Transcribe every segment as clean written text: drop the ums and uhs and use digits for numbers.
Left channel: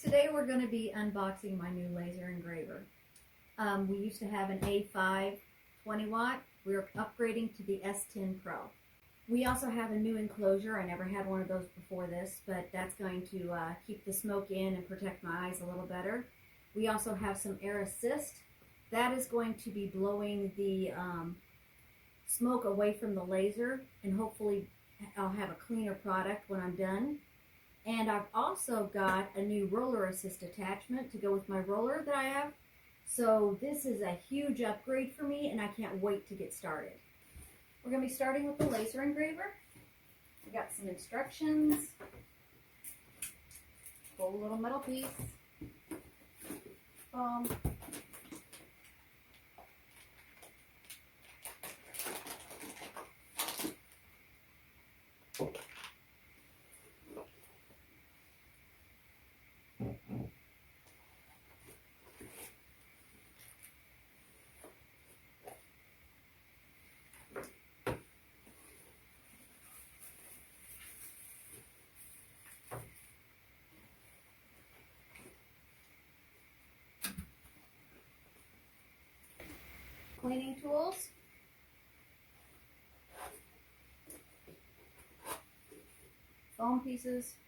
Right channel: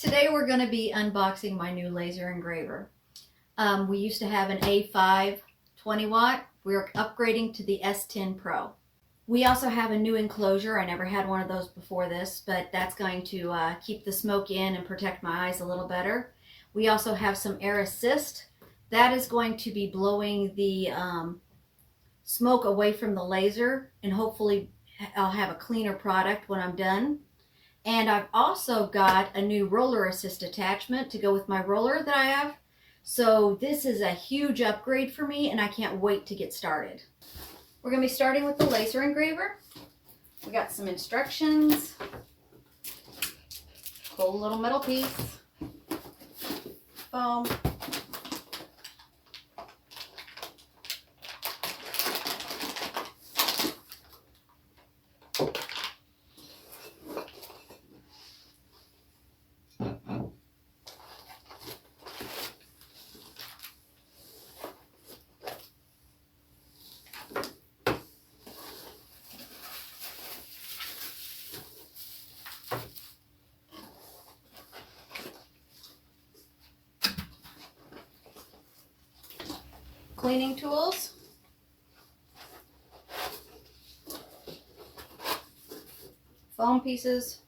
Today we're going to be unboxing my new laser engraver. We used to have an A5 20 watt. We're upgrading to the S10 Pro. We also have a new enclosure. I never had one of those before this, but that's going to keep the smoke in and protect my eyes a little better. We also have some air assist. That is going to be blowing the smoke away from the laser, and hopefully I'll have a cleaner product when I'm done. And I've also got a new roller assist attachment to go with my roller that I have. So this is a huge upgrade for me, and I can't wait to get started. We're going to be starting with the laser engraver. We got some instructions. Cool little metal piece. Foam. Cleaning tools, foam pieces,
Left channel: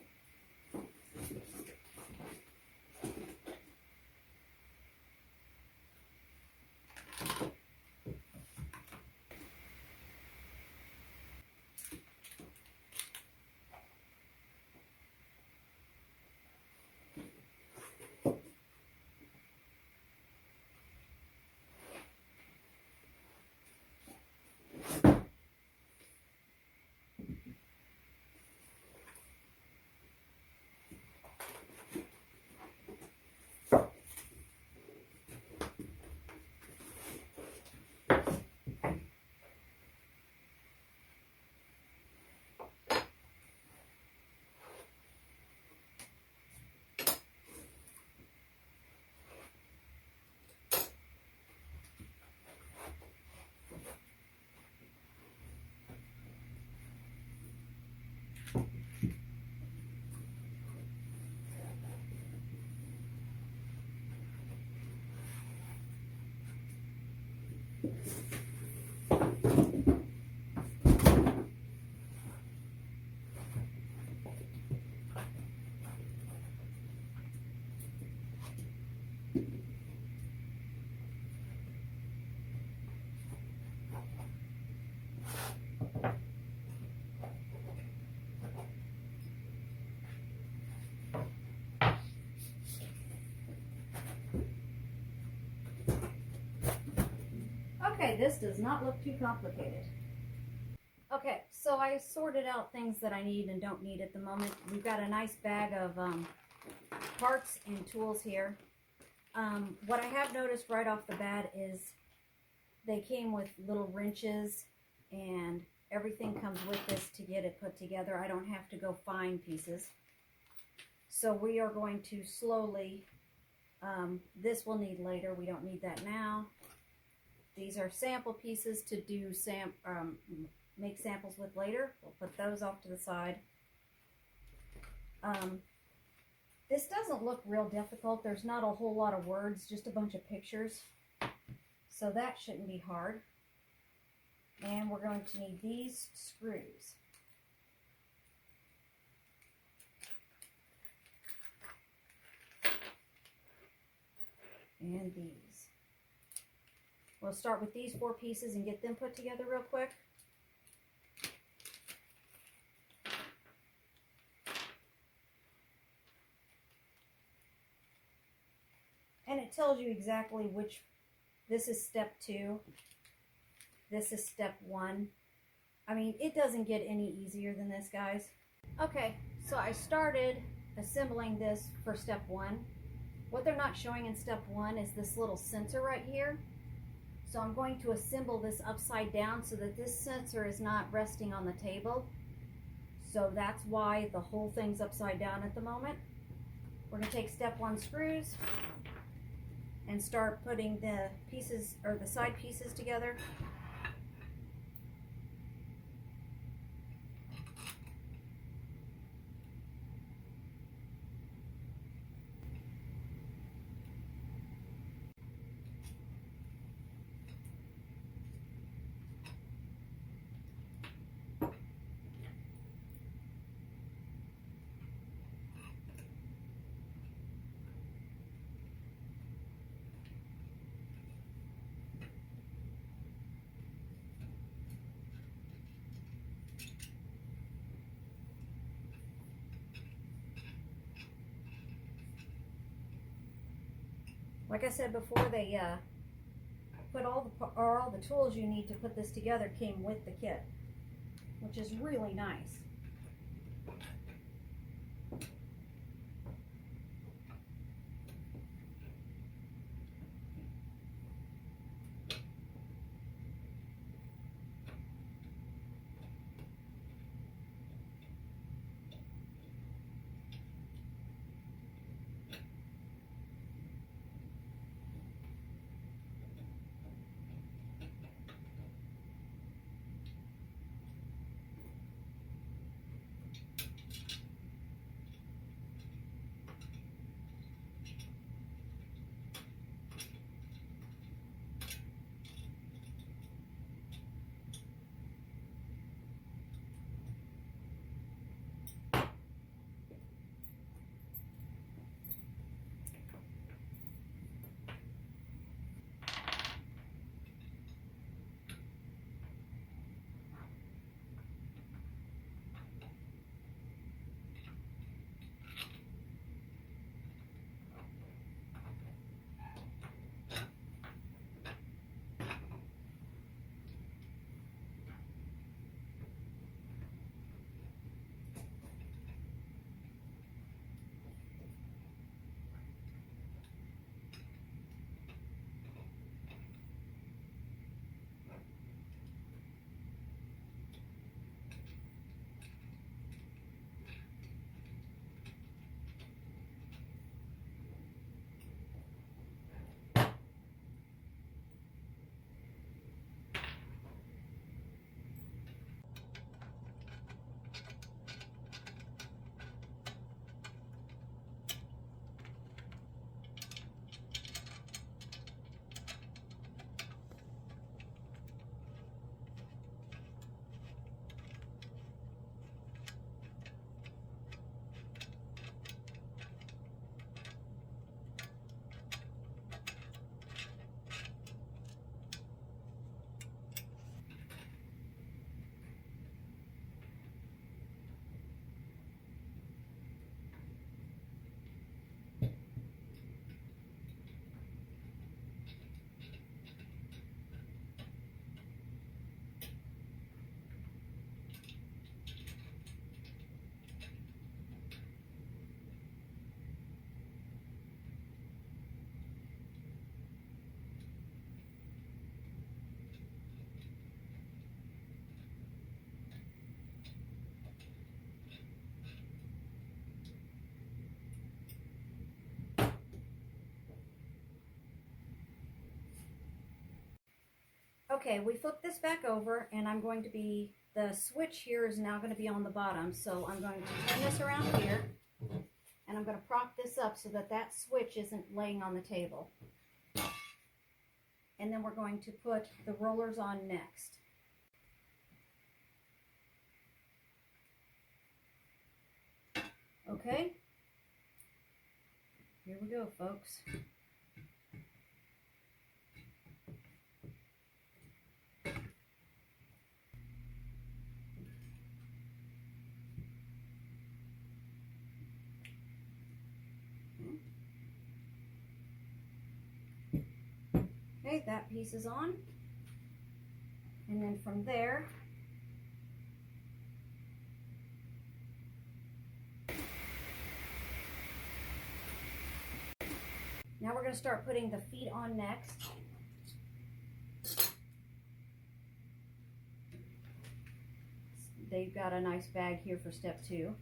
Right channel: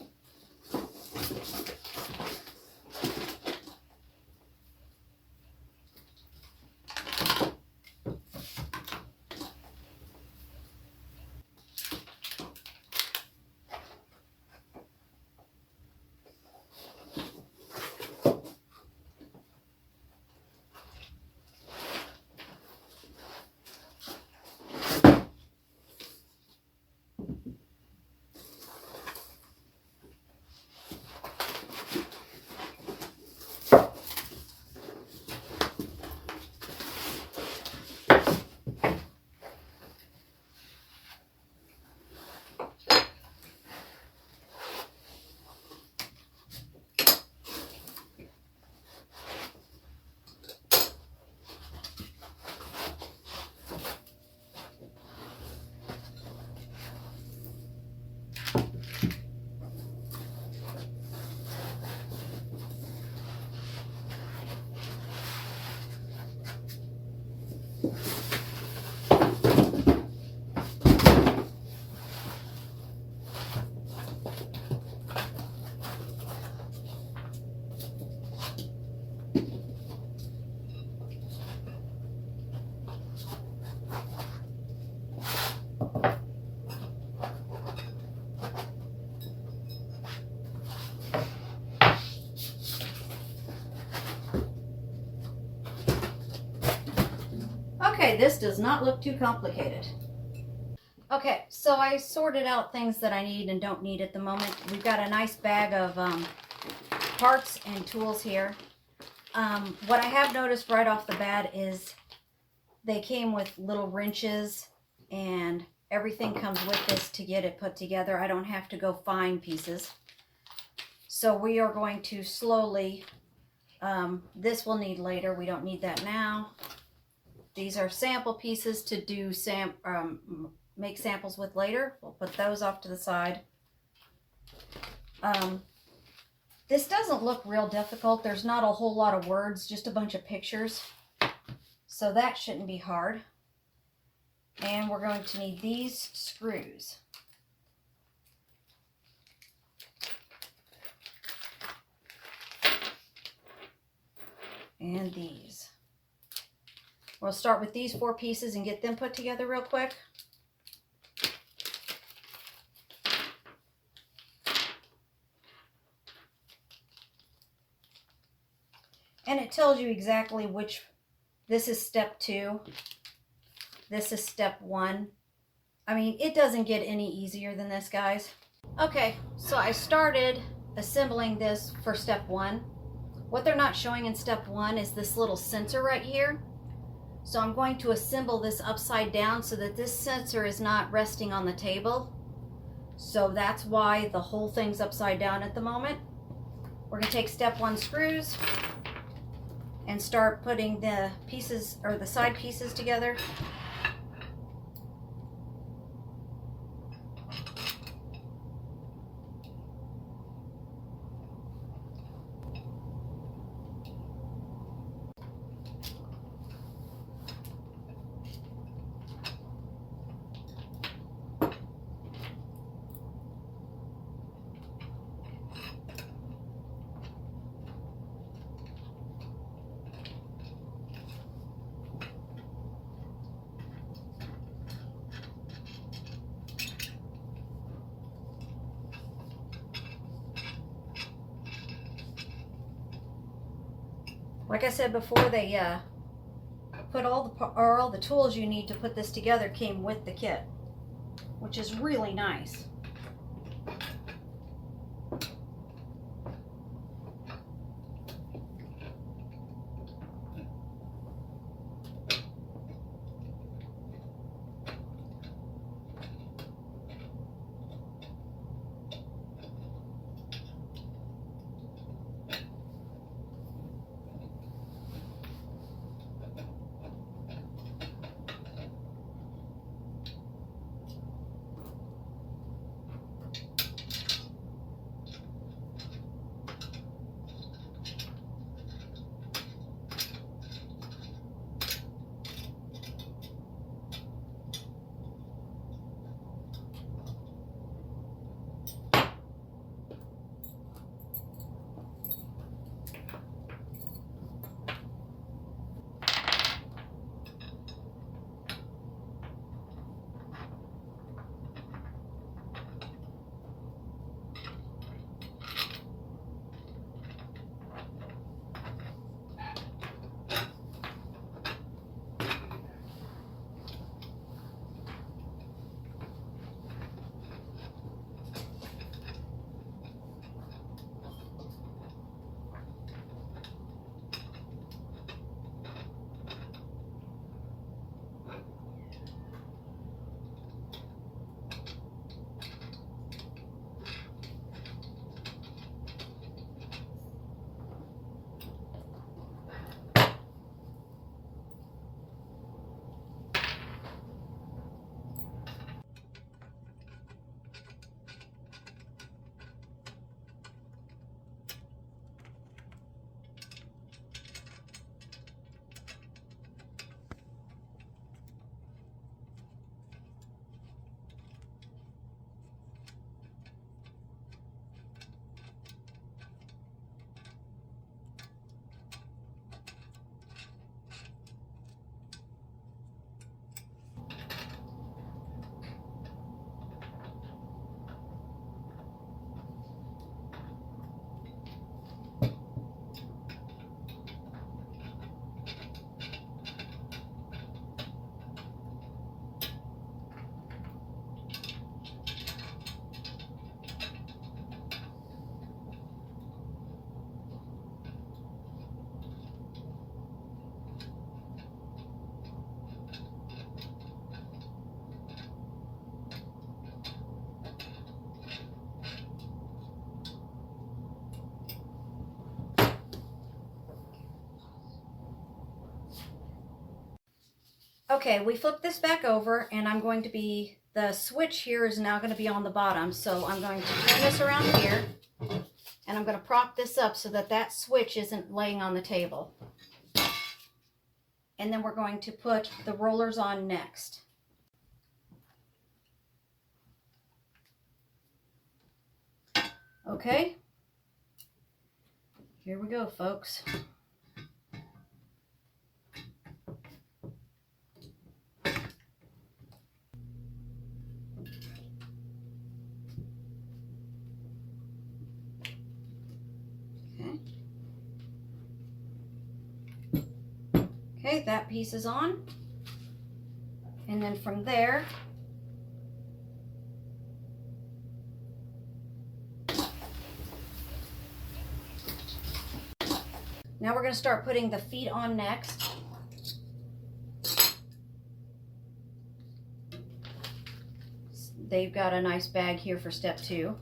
Okay, this does not look too complicated. Okay, so I sorted out things that I need and don't need at the moment. We've got a nice bag of parts and tools here. What I have noticed right off the bat is they came with little wrenches, and everything comes with this to get it put together. I don't have to go find pieces. So we are going to slowly, this we'll need later. We don't need that now. These are sample pieces to do make samples with later. We'll put those off to the side. This doesn't look real difficult. There's not a whole lot of words, just a bunch of pictures. So that shouldn't be hard. And we're going to need these screws. And these. We'll start with these 4 pieces and get them put together real quick. And it tells you exactly which, this is step 2, this is step 1. I mean, it doesn't get any easier than this, guys. Okay, so I started assembling this for step 1. What they're not showing in step 1 is this little sensor right here. So I'm going to assemble this upside down so that this sensor is not resting on the table. So that's why the whole thing's upside down at the moment. We're going to take step 1 screws and start putting the pieces, or the side pieces, together. Like I said before, they put all the tools you need to put this together came with the kit, which is really nice. Okay, we flip this back over, and the switch here is now going to be on the bottom. So I'm going to turn this around here, and I'm going to prop this up so that that switch isn't laying on the table. And then we're going to put the rollers on next. Okay, here we go, folks. Okay, that piece is on. And then from there, now we're going to start putting the feet on next. They've got a nice bag here for step 2.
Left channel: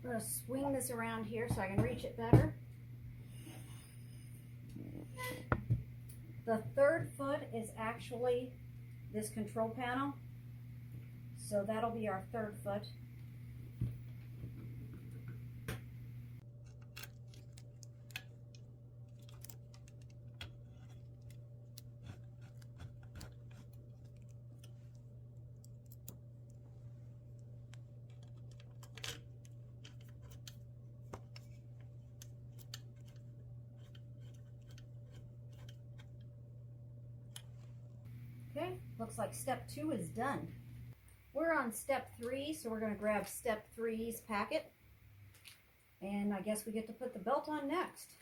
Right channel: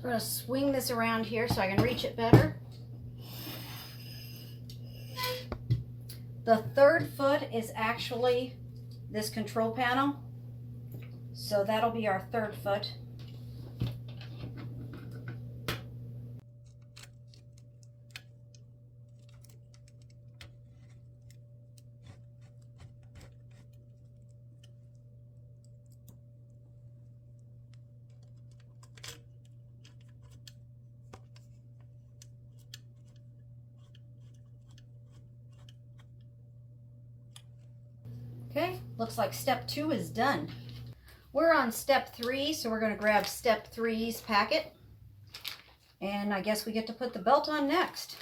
So we're going to swing this around here so I can reach it better. The third foot is actually this control panel. So that'll be our third foot. Okay, looks like step 2 is done. We're on step 3, so we're going to grab step 3's packet. And I guess we get to put the belt on next.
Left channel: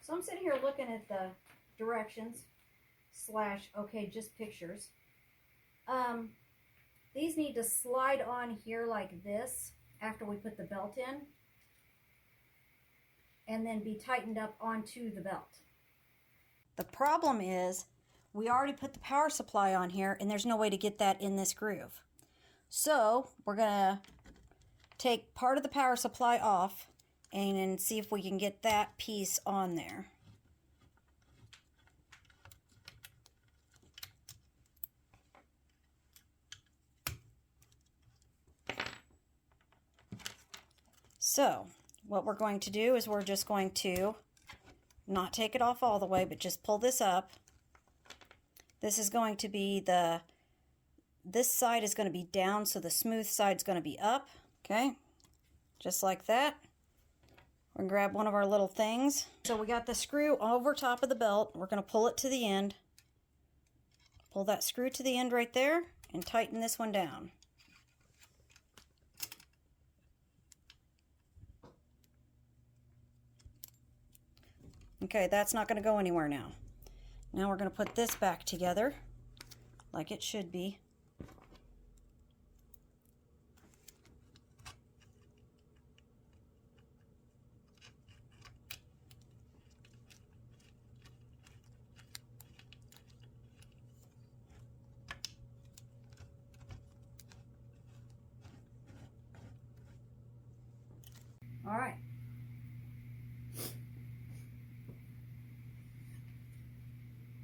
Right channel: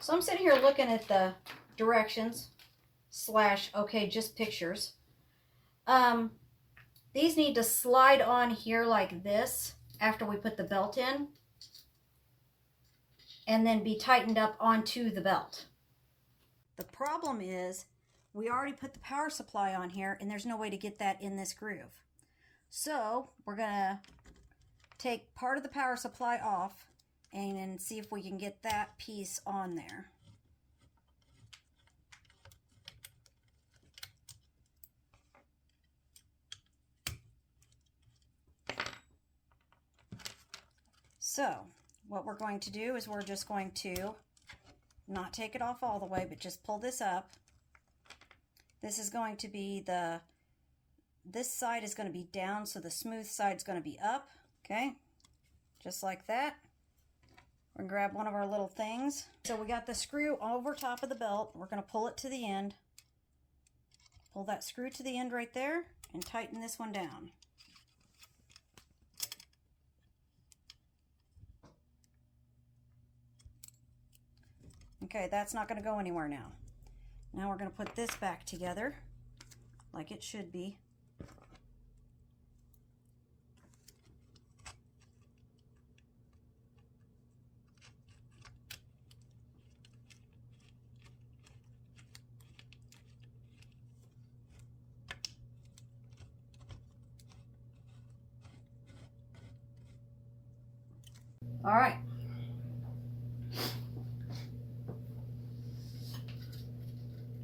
So I'm sitting here looking at the directions / okay, just pictures. These need to slide on here like this after we put the belt in, and then be tightened up onto the belt. The problem is we already put the power supply on here and there's no way to get that in this groove. So we're gonna take part of the power supply off and then see if we can get that piece on there. So what we're going to do is we're just going to not take it off all the way, but just pull this up. This is going to be this side is going to be down, so the smooth side is going to be up. Okay, just like that. We're going to grab one of our little things. So we got the screw over top of the belt. We're going to pull it to the end. Pull that screw to the end right there and tighten this one down. Okay, that's not going to go anywhere now. Now we're going to put this back together like it should be. All right.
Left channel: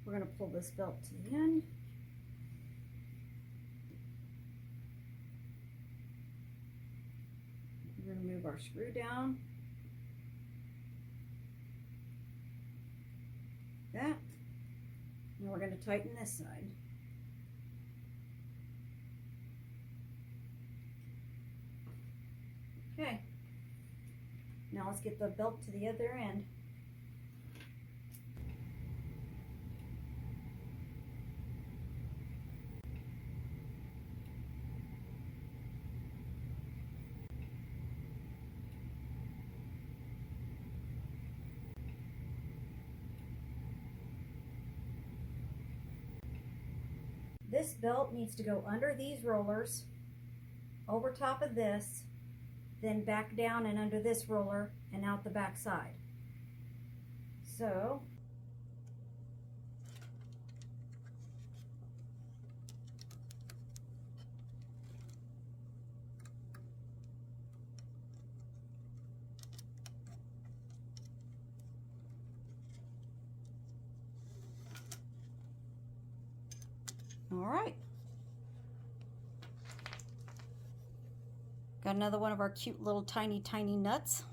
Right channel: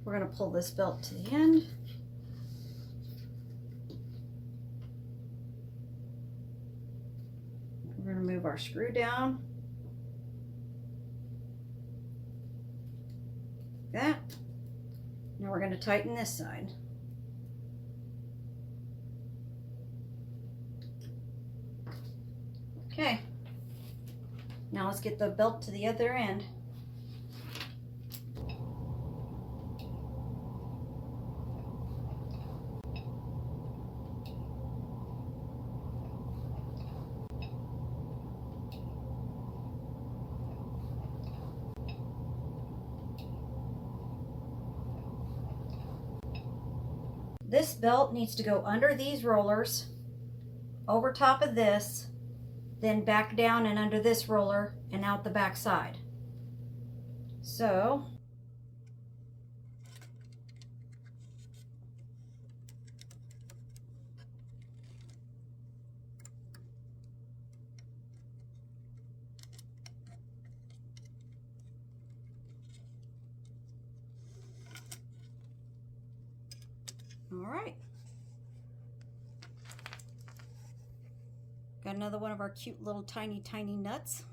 We're going to pull this belt to the end. We're going to move our screw down. Like that. Now we're going to tighten this side. Okay. Now let's get the belt to the other end. This belt needs to go under these rollers, over top of this, then back down and under this roller and out the back side. So all right. Got another one of our cute little tiny nuts.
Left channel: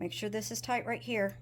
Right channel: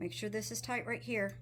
Make sure this is tight right here.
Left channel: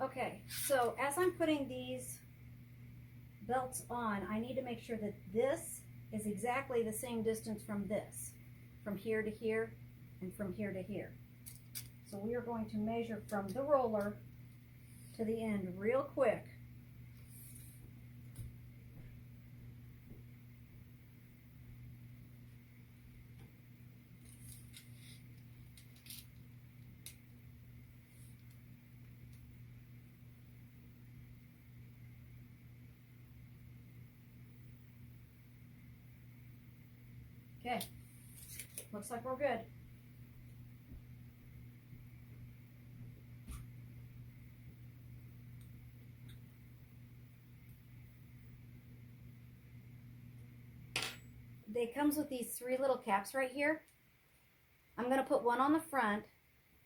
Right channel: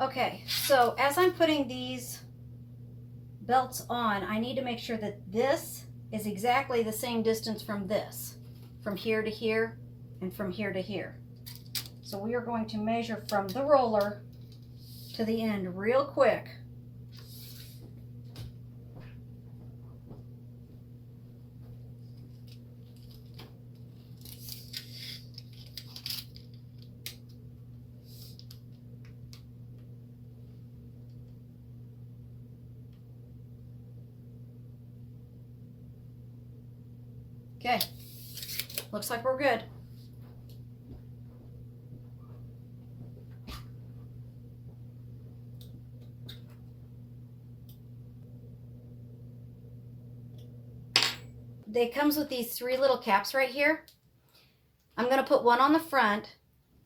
Okay, so as I'm putting these belts on, I need to make sure that this is exactly the same distance from this, from here to here and from here to here. So we are going to measure from the roller to the end real quick. Okay, looks like we're good. It comes with these 3 little caps right here. I'm going to put one on the front,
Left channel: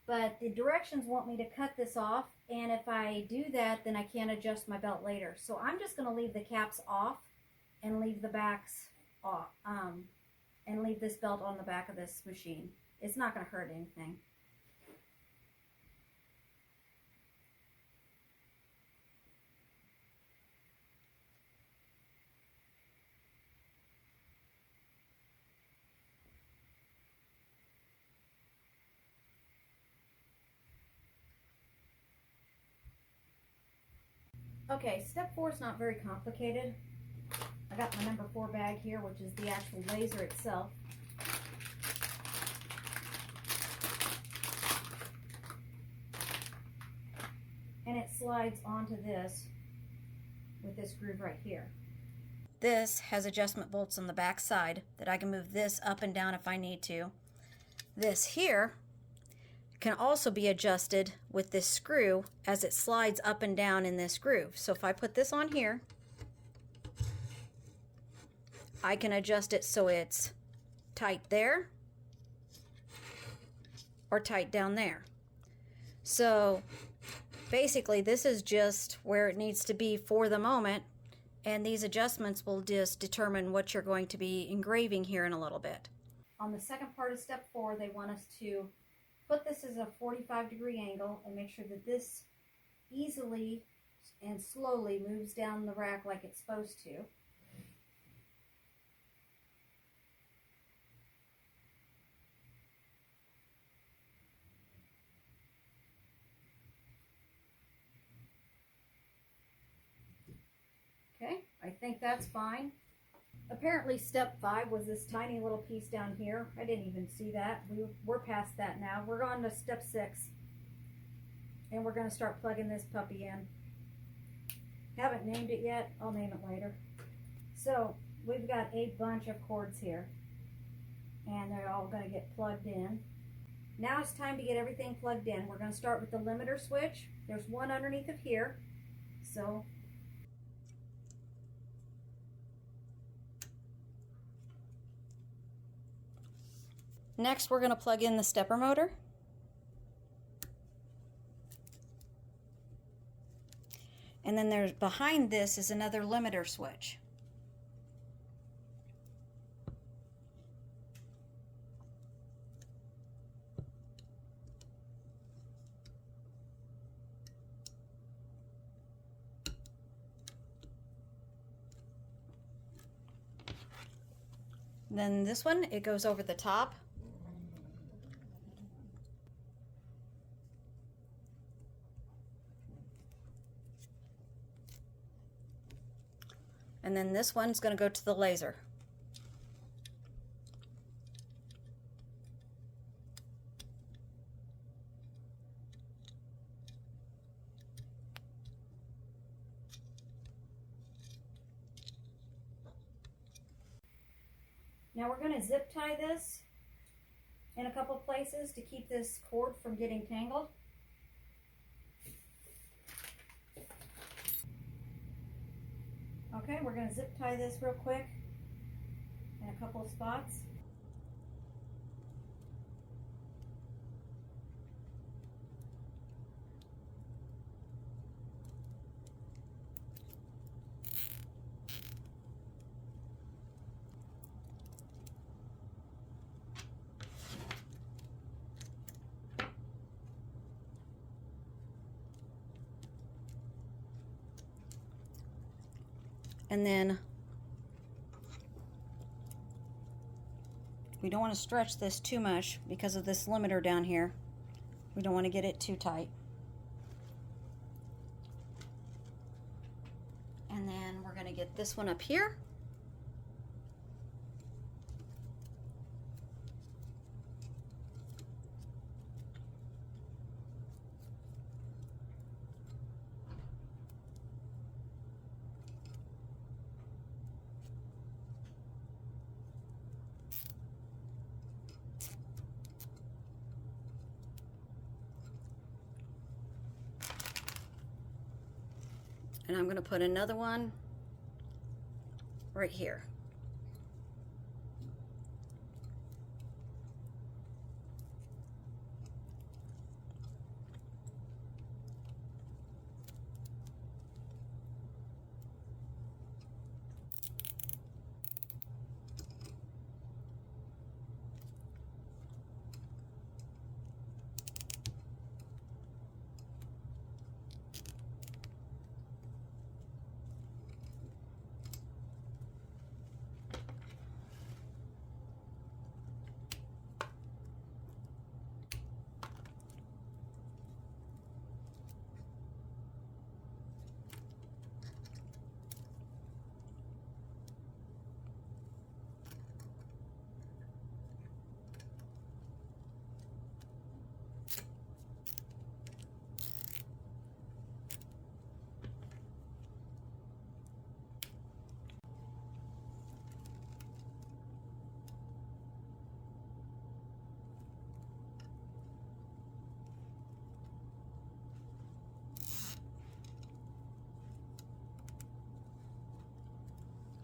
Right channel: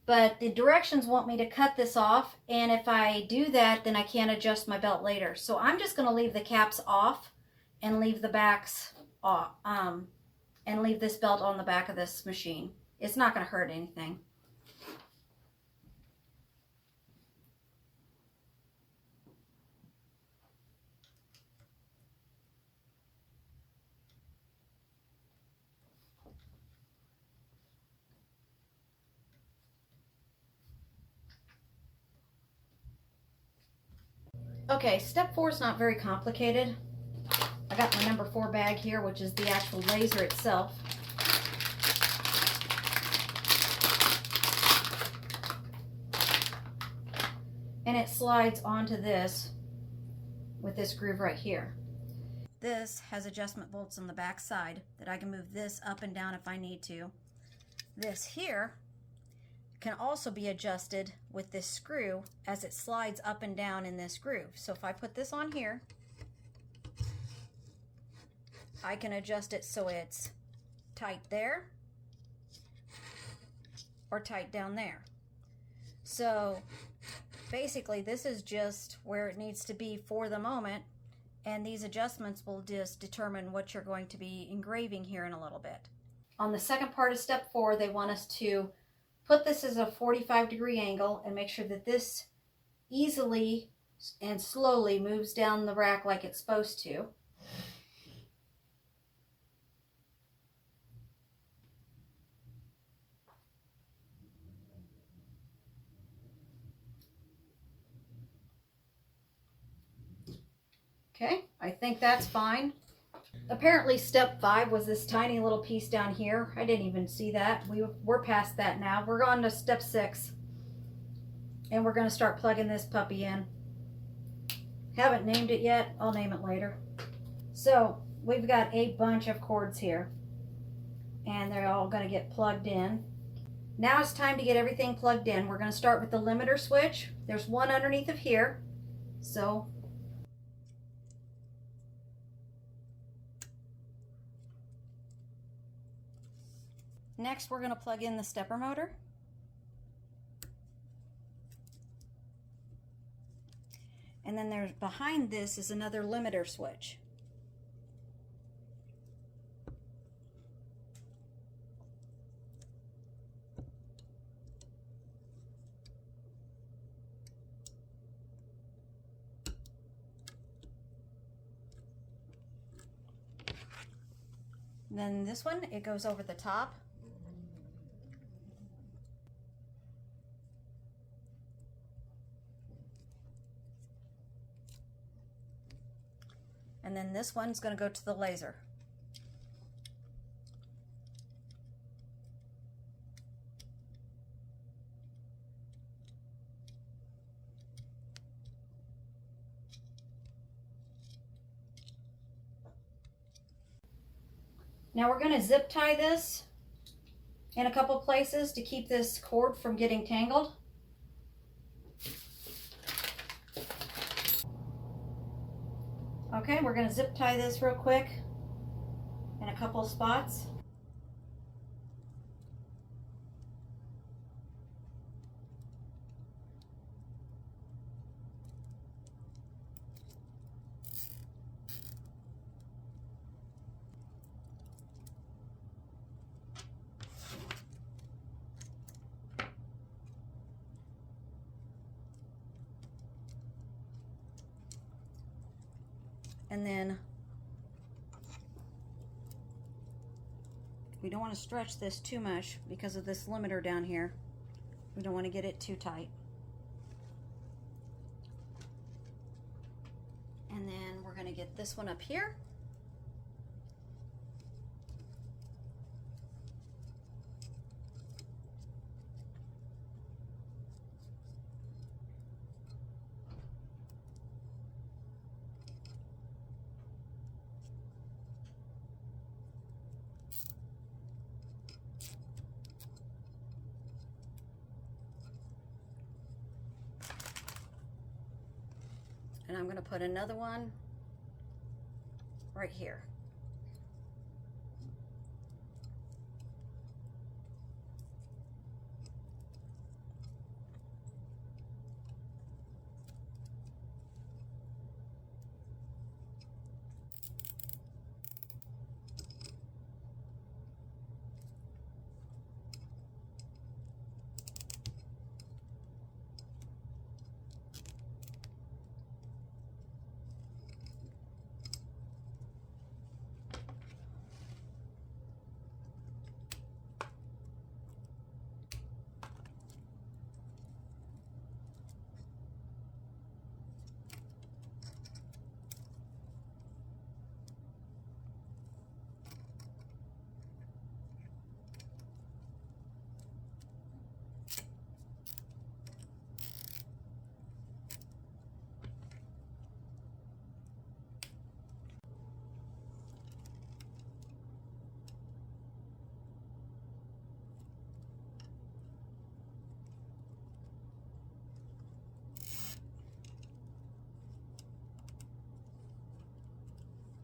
but the directions want me to cut this off, and if I do that, then I can't adjust my belt later. So I'm just going to leave the caps off and leave the backs off, and leave this belt on the back of this machine. It's not going to hurt anything. Okay, step 4 is not very complicated. I got my number 4 bag here, which is the actual laser itself. And it slides onto this with this groove right here. This has adjustment bolts on the back side that I can move this up and down if I need to. This here can also be adjusted with this screw as it slides up and down in this groove. So if I put this on here, I can adjust it so it's tight there or tight down there. So basically this is just where it needs to be for the moment, and these adjustments will just determine what you're going to be engraving here in a little bit. On the second part of step 4, they want us to put this as a 45-degree angle and make sure that this easily and slowly moves down the rack like it's supposed to. Okay, I think that's fine. Apparently step 5 was this tiny little piece down here. I didn't even see that. We're past that now. We're on to step 6. And we're going to start plugging this puppy in. Haven't named it yet. I'll name it later. So we've got a bunch of cords here. And they're all going to get plugged in. Now it's time to get everything plugged in. We're going to start with the limiter switch. There's one underneath of here. So next, we're going to plug in the stepper motor. And then there's behind this is another limiter switch. And then this one, it goes over the top. And then this one's going to go to the laser. Now we're going to zip tie this in a couple places to keep this cord from getting tangled. Okay, we're going to zip tie this real quick in a couple spots. And then we don't want to stretch this too much because of this limiter down here. We don't want to get it too tight. And then we're going to get this one up here. And I'm going to put another one right here.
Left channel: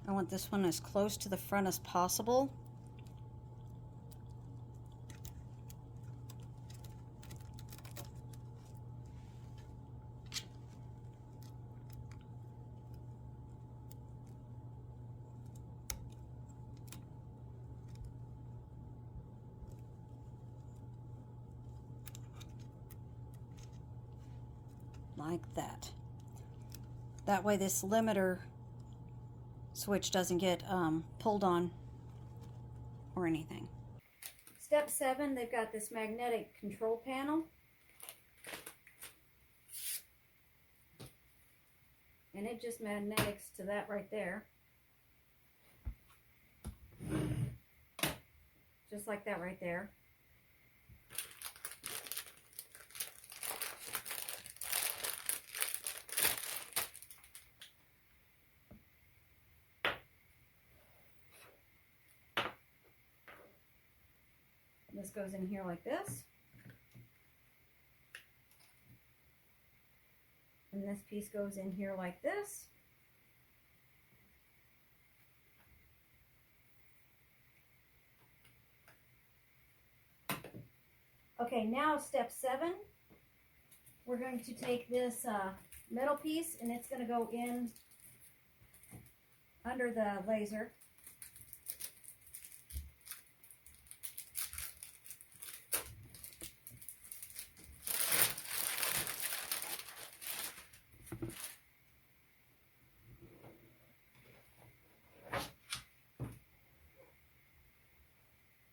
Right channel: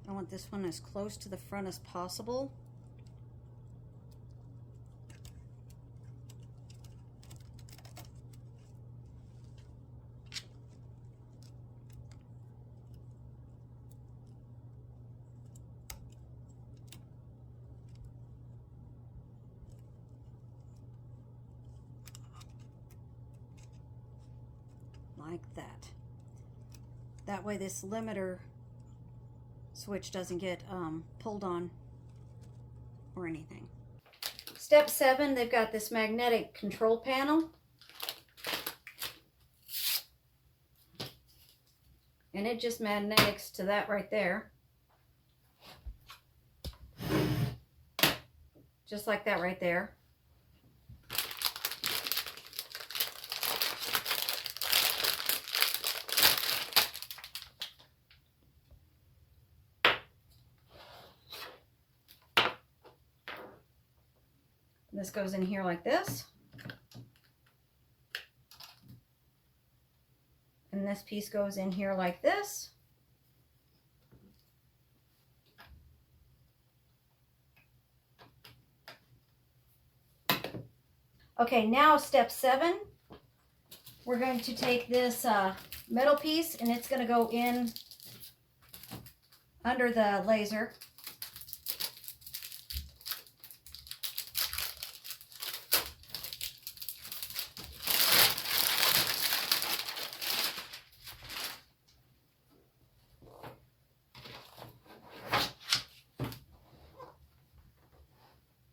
I want this one as close to the front as possible. Like that. That way this limiter switch doesn't get pulled on or anything. Step 7, they've got this magnetic control panel. And it just magnetics to that right there. Just like that right there. This goes in here like this. And this piece goes in here like this. Okay, now step 7. We're going to take this metal piece and it's going to go in under the laser.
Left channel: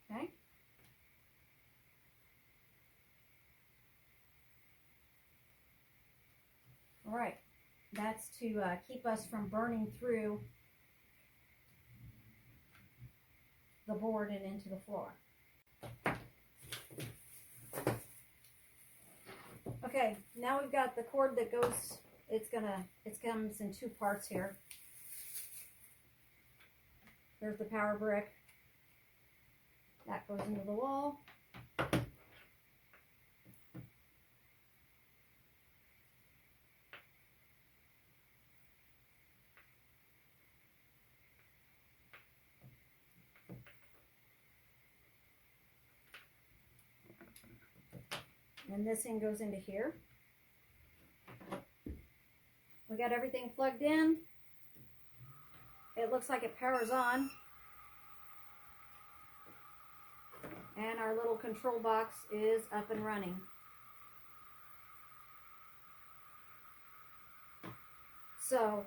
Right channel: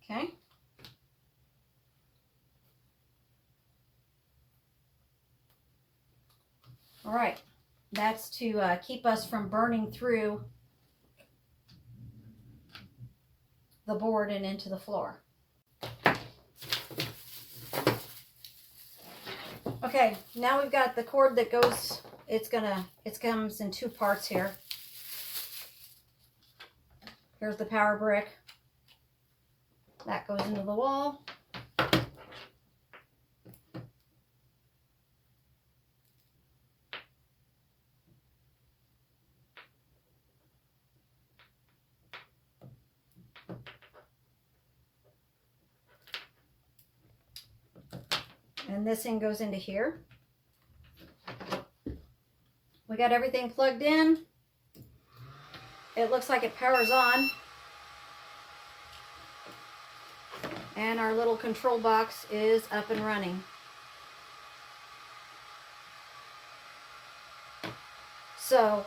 Okay. All right. That's to keep us from burning through the board and into the floor. Okay, now we've got the cord that goes, it comes in 2 parts here. Here's the power brick. That goes into the wall. And this thing goes into here. We got everything plugged in. It looks like it powers on. And our little control box is up and running. So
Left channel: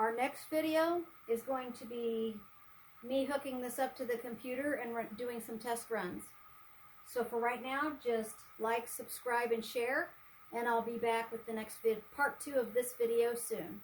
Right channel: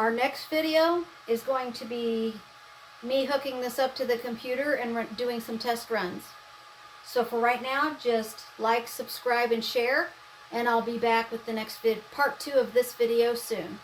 Our next video is going to be me hooking this up to the computer and doing some test runs. So for right now, just like, subscribe, and share, and I'll be back with the next part 2 of this video soon.